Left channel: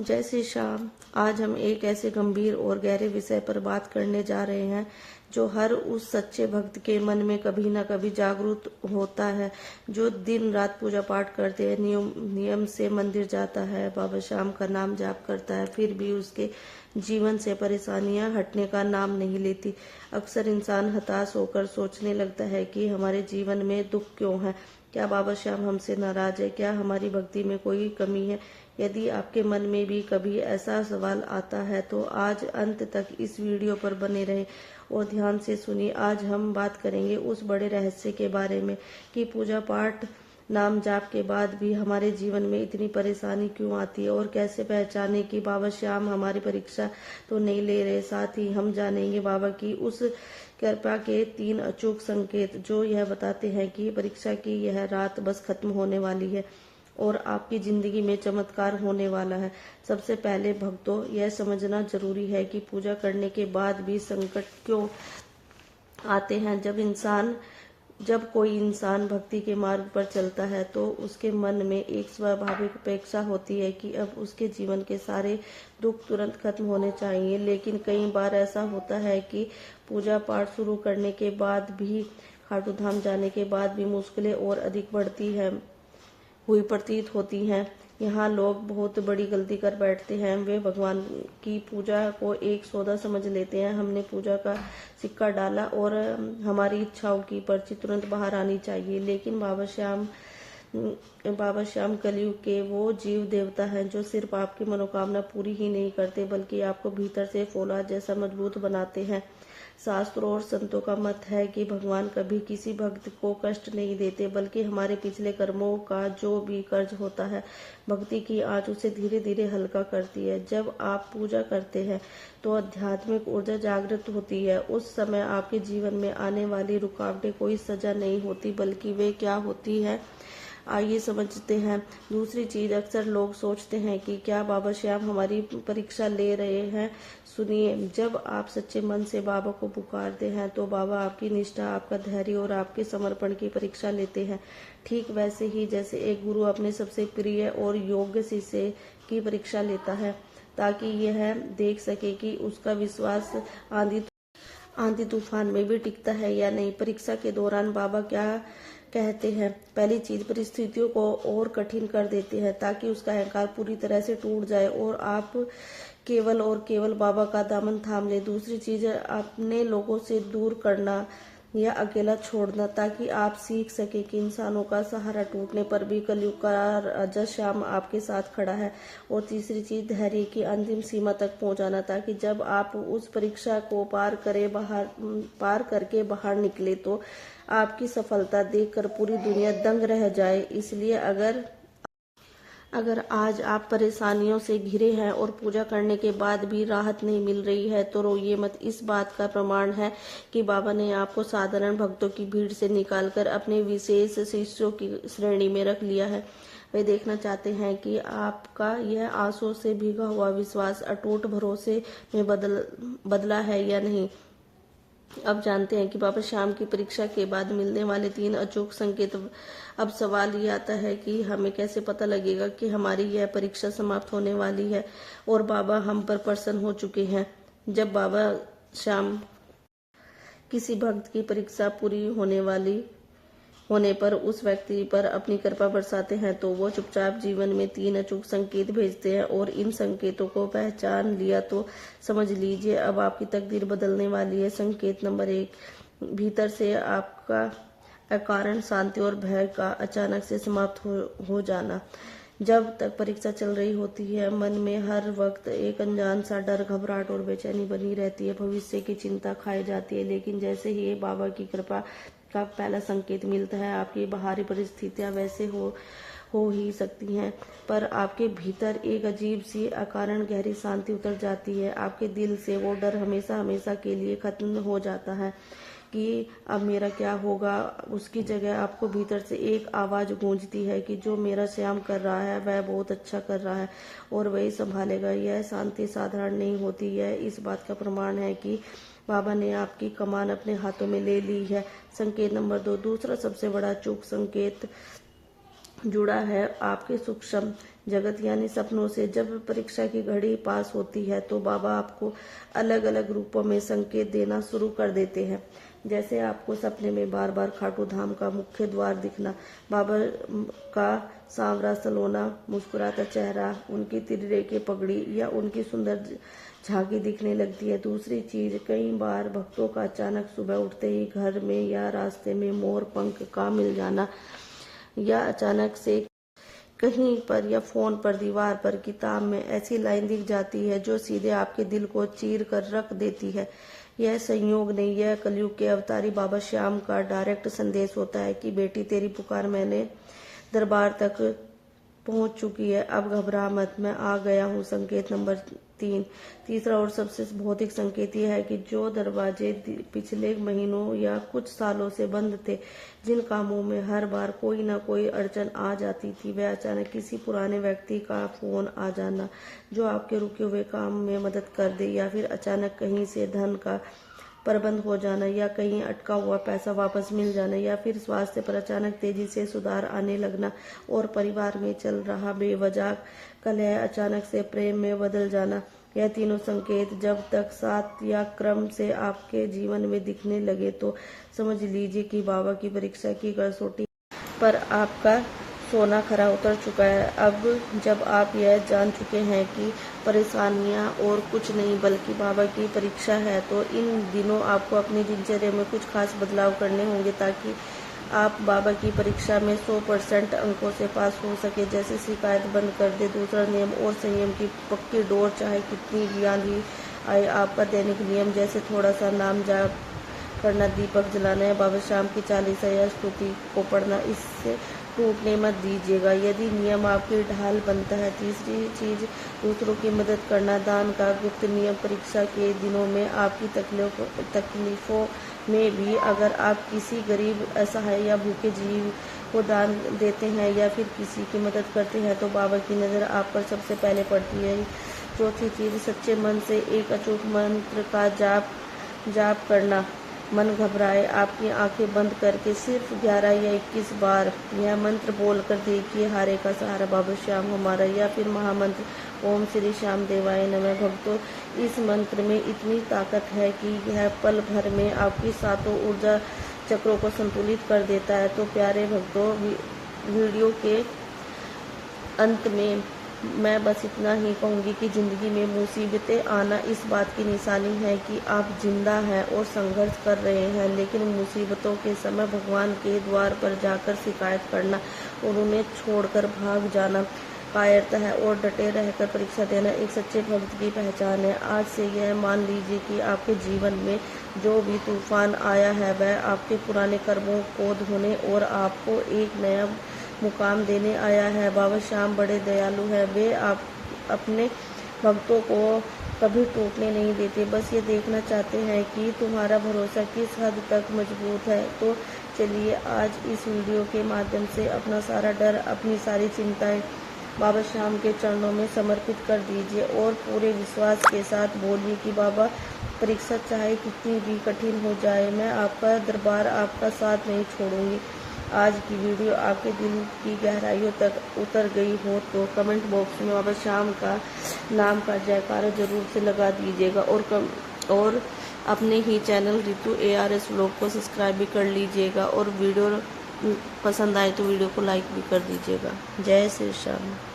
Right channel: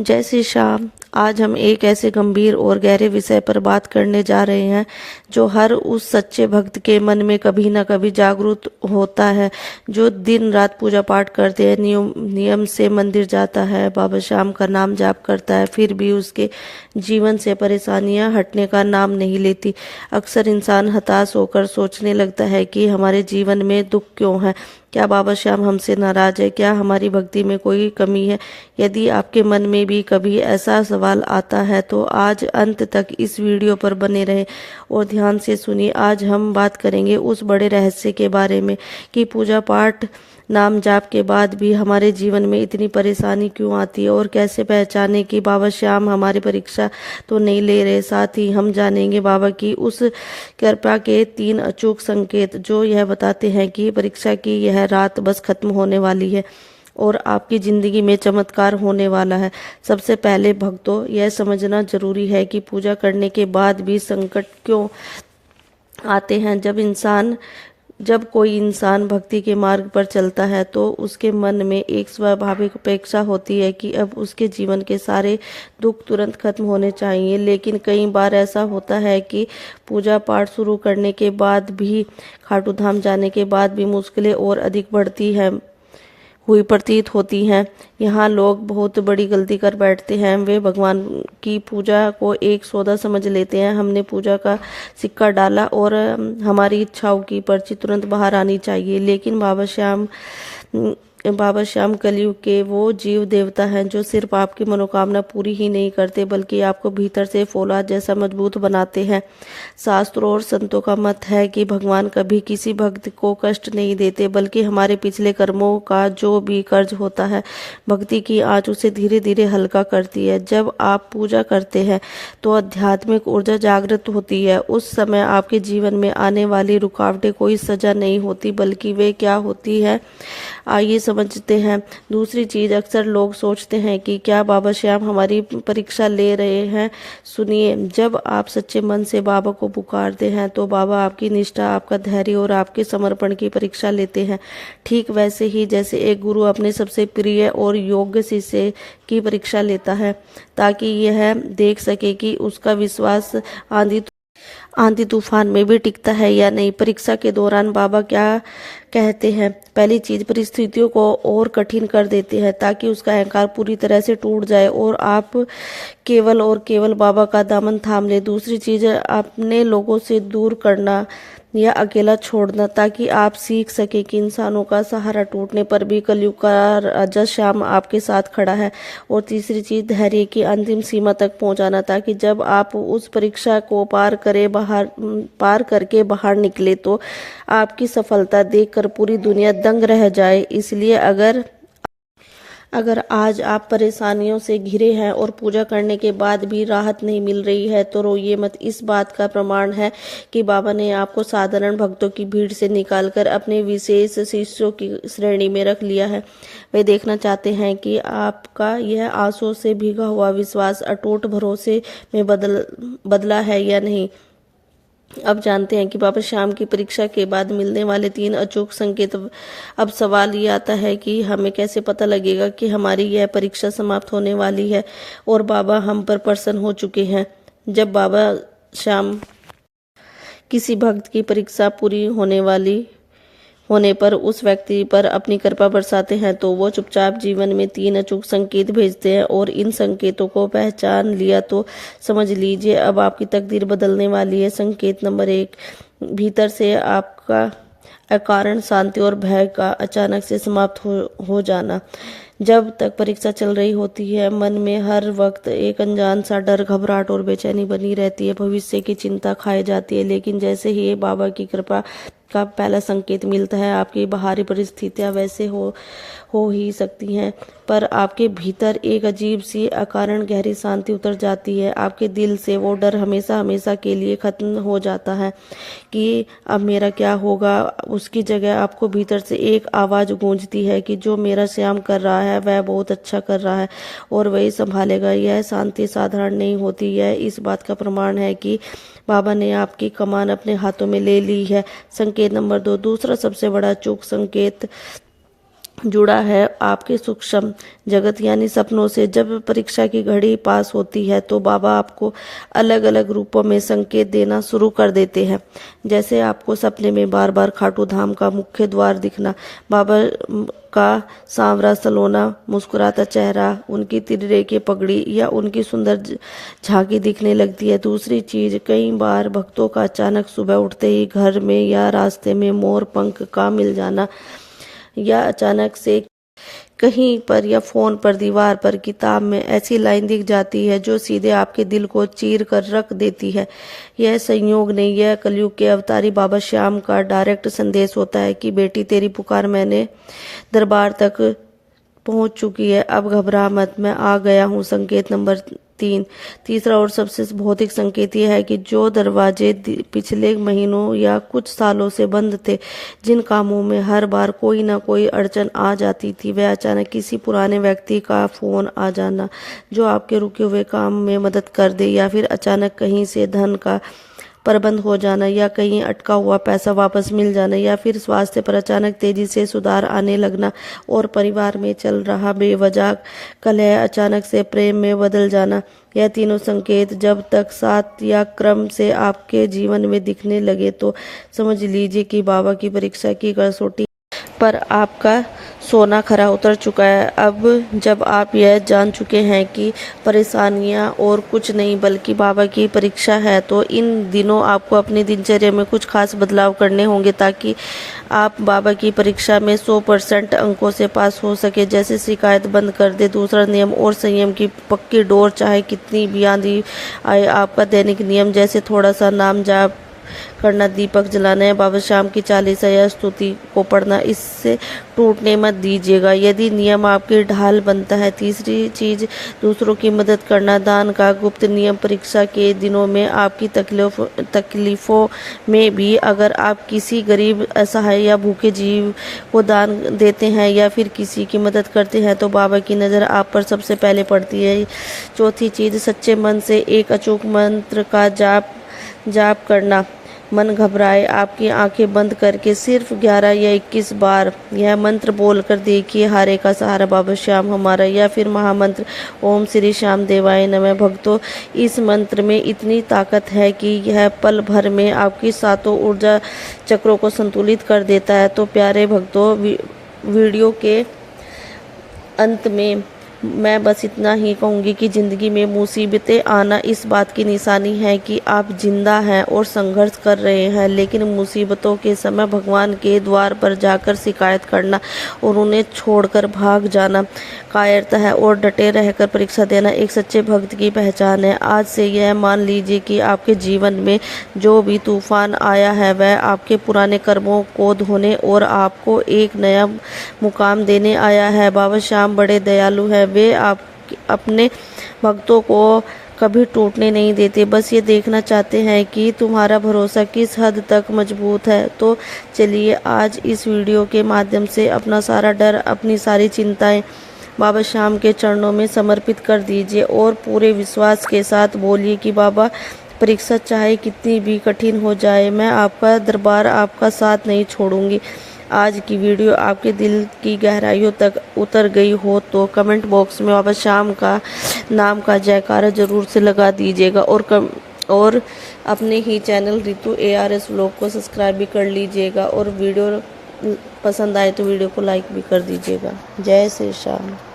जय श्री श्याम। आज हम एक ऐसे गंभीर और गहरे विषय पर बात करने जा रहे हैं जो हर उस सच्चे भक्त के मन में कभी ना कभी जागरूक होता है, जो दिन रात पूजा पाठ करते हैं, नियम से मंदिर जाता है, बाबा श्याम का नाम जाप करता है, फिर भी उसके जीवन से परेशानियां हटने का नाम नहीं लेती। अक्सर इंसान हताश होकर सोचने लगता है कि हमारे जीवन में दुख क्यों है, क्या बाबा श्याम हमसे नाराज है, क्या हमारी भक्ति में कोई कमी है। यदि आपके मन में भी कभी ऐसा सवाल आता है तो आज अंत तक इस वीडियो पर बने रहें और ध्यान से सुनिए। आज हम बात करेंगे उस बड़े रहस्य के बारे में कि पूजा पाठ नाम जाप के बाद भी हमारे जीवन में इतनी परेशानी क्यों आती है और कैसे पहचाने कि बाबा श्याम हमारी परीक्षा तो नहीं ले रहे। साथ ही हम जानेंगे बाबा की उस कृपा के 3 अचूक संकेत जो यह बताते हैं कि परीक्षा की यह रात बस खत्म होने वाली है और आपकी जिंदगी में चमत्कार होने वाला है। सबसे पहले भक्तों, यह समझना जरूरी है कि पूजा करने के बाद भी संकट क्यों आते हैं। जब कोई इंसान भक्ति के मार्ग पर चलता है तो उसके मन में एक स्वाभाविक अपेक्षा होती है कि अब उसके जीवन के सारे दुख तुरंत खत्म होने चाहिए। लेकिन कई बार ऐसा होता है कि पूजा पाठ शुरू करने के बाद भी, खाटू धाम जाने के बाद भी मुश्किलें और अधिक बढ़ती हैं हुई प्रतीत होती हैं। यहाँ लोग बहुत बड़ी गलती कर बैठते हैं। वे भगवान की पूजा को एक सौदा समझ लेते हैं। हमने पूजा का सिक्का डाला और हमारी इच्छाओं की पर्ची तुरंत बाहर आनी चाहिए। लेकिन बाबा श्याम कलयुग के वो जीव देवता हैं जो सिर्फ आपकी मनोकामना पूरी ही नहीं करते बल्कि आपको भीतर से फौलाद जैसा मजबूत बनाते हैं। शास्त्रों और संतों का मत है कि भगवान कभी किसी भक्त को कष्ट नहीं देते बल्कि हमारे पिछले कर्मों का जो भी कर्ज होता है, भक्ति की आंच उसे धीरे धीरे हल्का करती है। जब आप पूजा करते हैं तो आध्यात्मिक ऊर्जा जागृत होती है। उस समय आपके जीवन में आने वाली रुकावटें कोई सजा नहीं होती बल्कि वे क्या होती है, आइए समझते हैं। दूसरी चीज, अक्सर लोग सोचते हैं कि क्या बाबा श्याम हमारी परीक्षा ले रहे हैं। सुनिए, जब आप सच्चे मन से बाबा को पुकारते हैं तो बाबा आपकी निष्ठा, आपका धैर्य और आपके समर्पण की परीक्षा लेते हैं। ठीक वैसे ही जैसे एक गुरु अपने सबसे प्रिय और योग्य शिष्य की परीक्षा लेता है ताकि यह देख सके कि उसका विश्वास आंधी तूफान में भी टिकता है या नहीं। परीक्षा के दौरान बाबा क्या कहते हैं? पहली चीज, परिस्थितियों को और कठिन कर देते हैं ताकि उसका अहंकार पूरी तरह से टूट जाए और आप केवल और केवल बाबा का दामन थाम ले। दूसरी चीज, अपने लोगों से दूर करना या अकेला छोड़ना ताकि आप सीख सके कि इंसानों का सहारा टूटने पर भी कलयुग का राजा श्याम आपके साथ खड़ा है। और तीसरी चीज, धैर्य की अंतिम सीमा तक पहुंचाना ताकि जब आप उस परीक्षा को पार करके बाहर निकले तो आपकी सफलता देखकर पूरी दुनिया दंग रह जाए। इसलिए अगर आज आप परेशानियों से घिरे हैं और पूजा करने के बाद भी राहत नहीं मिल रही है तो रोइए मत। इस बात का प्रमाण है कि बाबा ने आपको साधारण भक्तों की भीड़ से निकालकर अपने विशेष शिष्यों की श्रेणी में रख लिया है। वे देखना चाहते हैं कि आपका यह आंसू से भीगा हुआ विश्वास अटूट भरोसे में बदला है या नहीं। अब जानते हैं कि बाबा श्याम की परीक्षा के बाद मिलने वाले 3 अचूक संकेत। अब सवाल ये आता है कि हमें कैसे पता लगेगा कि हमारी यह परीक्षा समाप्त होने वाली है और बाबा हम पर प्रसन्न हो चुके हैं। जब बाबा श्याम किसी भक्त की परीक्षा पूरी होने पर उस व्यक्ति पर अपनी कृपा बरसाते हैं तो वो चुपचाप जीवन में 3 अचूक संकेत भेजते हैं और इन संकेतों को पहचान लिया तो समझ लीजिए अब आपकी तकदीर बदलने वाली है। संकेत नंबर 1, भीतर से आपका अकारण शांति और भय का अचानक से समाप्त हो जाना। जब तक परीक्षा चल रही होती है मन में हर वक्त एक अनजान सा डर, घबराहट और बेचैनी बनी रहती है। भविष्य की चिंता खाई जाती है। लेकिन जैसे ही बाबा की कृपा का पहला संकेत मिलता है, आपकी बाहरी परिस्थितियां वैसे हो ही सकती हैं पर आपके भीतर एक अजीब सी अकारण गहरी शांति उतर जाती है। आपके दिल से वो डर हमेशा हमेशा के लिए खत्म हो जाता है कि अब मेरा क्या होगा। उसकी जगह आपको भीतर से एक आवाज़ गूंजती है कि जो मेरा श्याम कर रहा है वह बहुत अच्छा कर रहा है और वही संभालेगा। यह शांति साधारण नहीं होती, यह इस बात का प्रमाण है कि बाबा ने आपकी कमान अपने हाथों में ले ली है। संकेत नंबर 2, दूसरा सबसे बड़ा चूक संकेत जुड़ा है आपके सूक्ष्म जगत यानी सपनों से। जब परीक्षा की घड़ी पास होती है तो बाबा आपको अलग अलग रूपों में संकेत देना शुरू कर देते हैं। जैसे आपको सपने में बार बार खाटू धाम का मुख्य द्वार दिखना, बाबा का सांवरा सलोना मुस्कुराता चेहरा, उनकी तिर्रे की पगड़ी या उनकी सुंदर झांकी दिखने लगती है। दूसरी चीज, कई बार भक्तों का अचानक सुबह उठते ही घर में या रास्ते में मोर पंख का मिल जाना, या अचानक से कहीं पर या फोन पर, दीवार पर, किताब में ऐसी लाइन दिख जाती है जो सीधे आपके दिल को चीर कर रख देती है। यह संयोग नहीं, यह कलयुग के अवतारी बाबा श्याम का डायरेक्ट संदेश होता है कि बेटी तेरी पुकार मैंने दरबार तक पहुंच चुकी है, अब घबरा मत, मैं आ गया हूँ। संकेत नंबर 3, तीसरा और सबसे भौतिक संकेत यह है कि जो दरवाजे पिछले महीनों या कुछ सालों से बंद थे, जिन कामों में हर बार कोई ना कोई अड़चन आ जाती थी, वह अचानक किसी पुराने व्यक्ति का फोन आ जाना जो आपके रुके हुए काम में मदद कर दे, या फिर अचानक कहीं से धन का प्रबंध हो जाना, या कहीं अटका हुआ पैसा वापस मिल जाना, या फिर स्वास्थ्य पर अचानक तेजी से सुधार आने लगना, और परिवार में चल रहा बेवजह कलह अचानक से प्रेम में बदल जाना। यह तीनों संकेत जब तक साथ या क्रम से आपके जीवन में दिखने लगे तो समझ लीजिए कि बाबा की परीक्षा की कसौटी पर आपका सोना खरा उतर चुका है। अब जब आप यह जान चुके हैं कि परेशानियां और कुछ नहीं बल्कि बाबा की परीक्षा है, तो इन दिनों आपको अपनी दिनचर्या में कुछ खास बदलाव करने होंगे ताकि आप बाबा की परीक्षा में 100% अंकों से पास हो सके। जैसे शिकायत बंद कर दे, दूसरा नियम और संयम की पक्की डोर, चाहे कितनी भी आंधी आए। आपका दैनिक नियम, जैसे थोड़ा सा नाम जाप करना, दीपक जलाना है, बाबा श्याम की चालीसा या स्तुति को पढ़ना, इससे टूटने मत दीजिएगा यदि नियम आपकी ढाल बनता है। तीसरी चीज, दूसरों की मदद करना, दान का गुप्त नियम। परीक्षा के दिनों में आपकी तकलीफों में भी अगर आप किसी गरीब, असहाय या भूखे जीव को दान देते हैं या फिर किसी की मदद करते हैं तो बाबा की नज़र आप पर सबसे पहले पड़ती है। चौथी चीज, सच्चे मन से एक अचूक मंत्र का जाप करना। मन घबराए, आपकी आंखें बंद करके सिर्फ 11 या 21 बार यह मंत्र बोलकर देखिए, हारे का सहारा बाबा श्याम हमारा, या फिर महामंत्र ओम श्री श्याम देवाय नमः। भक्तों, इस मंत्र में इतनी ताकत है कि यह पल भर में आपकी सातों ऊर्जा चक्रों को संतुलित कर देता है। तो प्यारे भक्तों, वीडियो के अंत में मैं बस इतना ही कहूँगी कि ज़िंदगी में मुसीबतें आना इस बात की निशानी है कि आप जिंदा हैं और संघर्ष कर रहे हैं, लेकिन मुसीबतों के समय भगवान के द्वार पर जाकर शिकायत करना और उन्हें छोड़कर भाग जाना कायरता है, और डटे रहकर परीक्षा देना एक सच्चे भक्त की पहचान है। आज से यह मान लीजिए कि आपके जीवन में जो भी तूफान आया है वह आपके पुराने कर्मों को धोने और आपको एक नया मुकाम देने आया है। बाबा श्याम बड़े दयालु हैं, वे अपने भक्तों को कभी टूटने नहीं देते, बस ये देखना चाहते हैं कि तुम्हारा भरोसा किस हद तक मजबूत है। तो चलिए आज इस वीडियो के माध्यम से अपना सारा डर, अपनी सारी चिंताएं बाबा श्याम के चरणों में समर्पित कर दीजिए और पूरे विश्वास के साथ बोलिए कि बाबा, परीक्षा चाहे कितनी भी कठिन हो जाए, मैं आपका दरबार, आपका साथ नहीं छोड़ूंगी। आज की वीडियो आपके दिल की गहराइयों तक उतर गई हो तो कमेंट बॉक्स में बाबा श्याम का नाम का जयकारा जरूर से लगा दीजिएगा, और अपने ही चैनल रितु ARS व्लॉग को सब्सक्राइब भी कर लीजिएगा, और वीडियो पसंद आए तो वीडियो को लाइक भी कर दीजिएगा। जय श्री श्याम।